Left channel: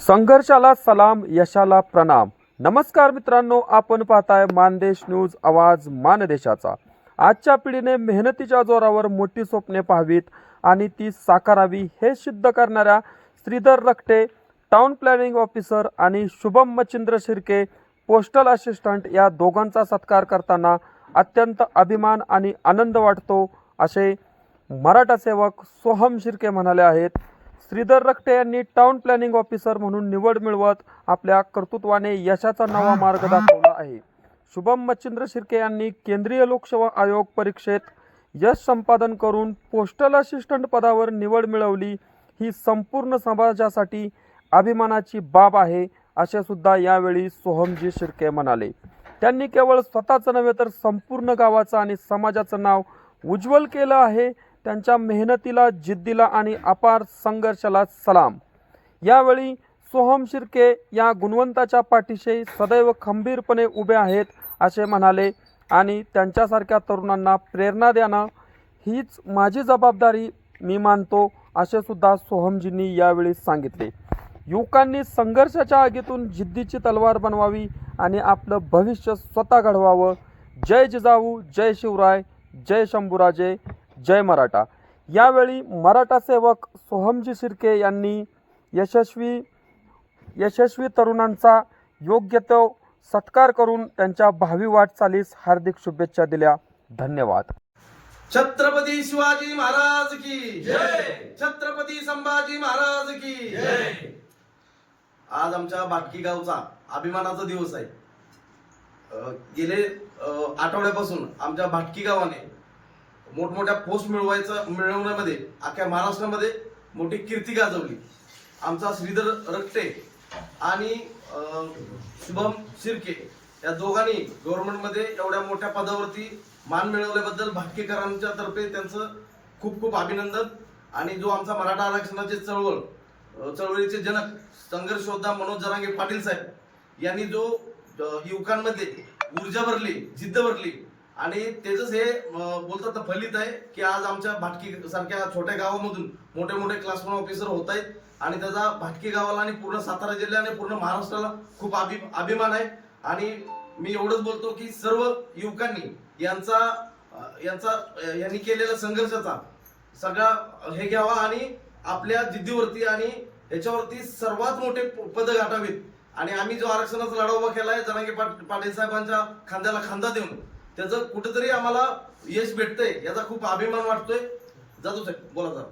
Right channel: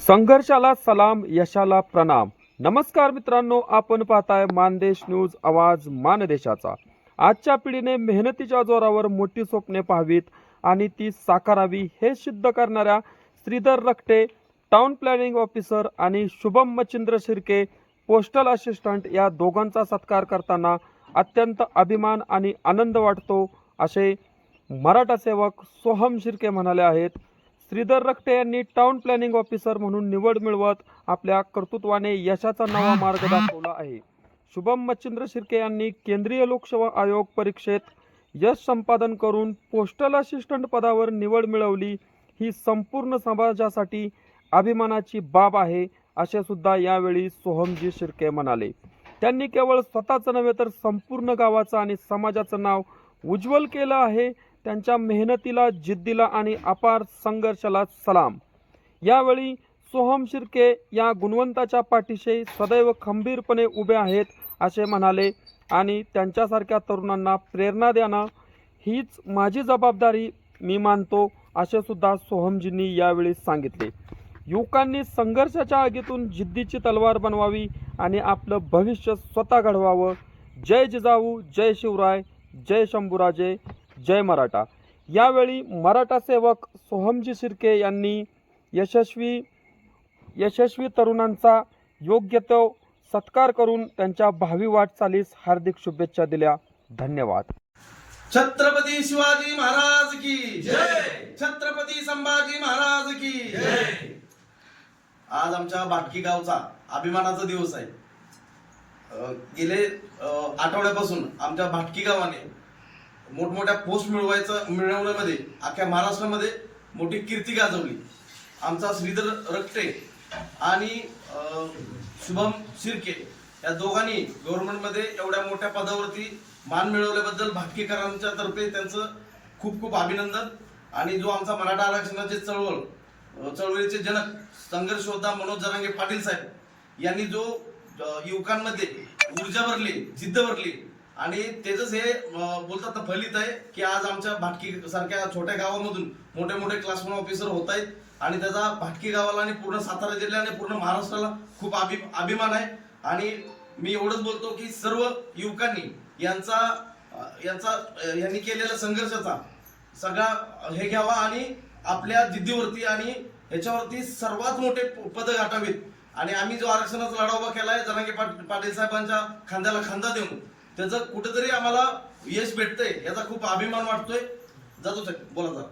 संघर्षाला सलाम यशाला प्रणाम. नमस्कार मित्रांनो आपण पाहताय मानदेश न्यूज आवाज मानदेशाचा. आजच्या पिढीने मेहनतीच्या जोरावर मोठी स्वप्ने पाहावीत आणि ती साकारावी हे सिद्ध करणाऱ्या Shridhar Rakhate town planning officer आणि शुभम मच्छिंद्र शिर्के पोस्टल असिस्टंट या दोघांचा सत्कार करताना अत्यंत अभिमान आणि आनंद वाटतो असे मराठा सेवक सोहम शिर्के म्हणाले आहेत. श्रीधर रखटे यांनी टाउन प्लॅनिंग ऑफिसर म्हणून निवड मिळवत आपल्या कर्तृत्वाने यशाचा नवा मार्ग दाखवला आहे. शुभम मच्छिंद्र शिर्के यांनी केंद्रीय लोकसेवा आयोग परीक्षेत यश संपादन करून पोस्टल असिस्टंट पदावर निवड मिळवली. ही संपूर्ण समाजासाठी अभिमानाची बाब आहे असे सुद्धा यावेळी सोहमजी शिर्के म्हणाले. त्यांनी केवळ स्वतःचं नव्हे तर संपूर्ण गावाचं आणि समाजाचं नाव उज्ज्वल केलं आहे. त्यांच्या मेहनतीला जिद्दीला आणि अपार संघर्षाला सलाम. यावेळी सोहम शिर्के या गुणवंताच्या पाठीशी सदैव खंबीरपणे उभे आहेत असे म्हणाले आणि त्यांच्यासारख्या तरुणांना प्रेरणा देणं हीच माझी जबाबदारी मी मानतो असे सुद्धा सोहमजींनी यावेळी सांगितले. युवकांनी संघर्षाच्या आगीतून जिद्दीची तलवार बनवावी आणि आपलं भविष्य स्वतः घडवावं. जय जिजाऊ जय शिवराय जय शंभूराजे. जय मराठा. यावेळी मराठा सेवक सोहमजी शिर्के यांनी यशस्वी यशस्वी तरुणांचा योग्य तो सत्कार करून त्यांच्या भावी वाटचालीस हार्दिक शुभेच्छा दिल्या. धन्यवाद. छत्रपती शिवाजी महाराज की जय. छत्रपती संभाजी महाराज की जय. आज आमच्या बाटकी गावचा अभिमानाचा दिवस आहे. गेले आठवड्यापासून आमच्या भाटकी गावाने मोठमोठ्या पोस्ट मिळवायचं मिळवण्यामध्ये अख्ख्या महाराष्ट्रामध्ये मोठी कीर्ती गाजवली. आमचा श्रीधर रक्ते आणि शुभम शिर्के या दोघांनी गव्हर्नमेंटमध्ये एवढ्या मोठ्या पदावरती मान मिळवल्याबद्दल भाटकेकरांच्या तर्फे त्यांचं खूप खूप अभिनंदन. आणि जो आमचा मराठा आरक्षणाचे चळवळ चळवळीचे जनक संघर्षयोद्धा मनोज जरांगे पाटील साहेब यांनी जो युवकांमध्ये ऊर्जा भरली जिद्द भरली आणि त्याच हे बोलतात ना फलित आहे की आज आमच्या भाटकी सारख्या छोट्या गावामधून मोठे मोठे क्लास वन ऑफिसर होत आहेत आणि त्याचा भाटकी गावाला आणि पूर्ण सातारा जिल्ह्या आणि पूर्ण महाराष्ट्राला खूप अभि अभिमान आहे. आणि मी एवढंच बोलतो की सर्व युवकांनी यांचा यांचा यांनी केलेल्या संघर्षाचा सगळा हे घ्यावा आणि आपल्या जिद्दीवरती आणि याच्यावरती सर्वात मोठे पद गाठावीत. आणि आम्ही जो आरक्षणाचा लढा उभा आहे जरांगे पाट- पाटील साहेबांच्या खांद्याला खांदा देऊन त्याचं कुठेतरी आम्हाला यश भेटतंय याचा खूप अभिमान वाटतोय. जातो साहेब बोला जा.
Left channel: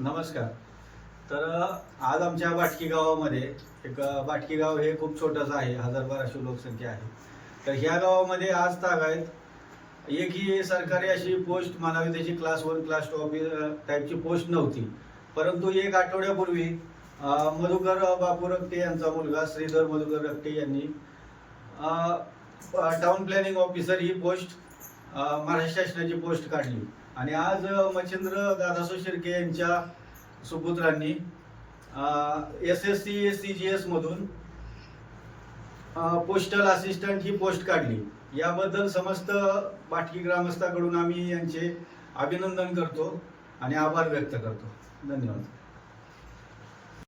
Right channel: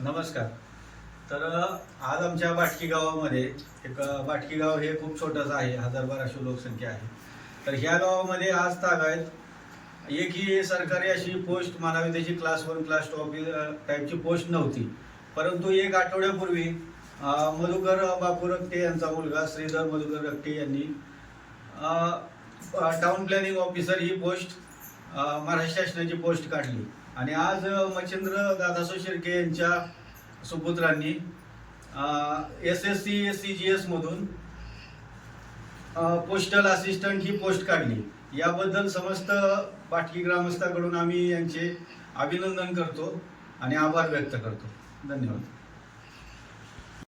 नमस्कार. तर आज आमच्या बाटकी गावामध्ये एक बाटकी गाव हे खूप छोटंसं आहे हजार बाराशे लोकसंख्या आहे. तर ह्या गावामध्ये आज तागायत एकही सरकारी अशी पोस्ट म्हणावी त्याची क्लास वन क्लास टू टाईपची पोस्ट नव्हती. परंतु एक आठवड्यापूर्वी मधुकर बापू रक्टे यांचा मुलगा श्रीधर मधुकर रक्टे यांनी टाउन प्लॅनिंग ऑफिसर ही पोस्ट महाराष्ट्र शासनाची पोस्ट काढली. आणि आज मच्छिंद्र दादासो शिर्के यांच्या सुपुत्रांनी S S C S C G एसमधून postal assistant ही पोस्ट काढली. याबद्दल समस्त पाटकी ग्रामस्थाकडून आम्ही यांचे अभिनंदन करतो आणि आभार व्यक्त करतो. धन्यवाद.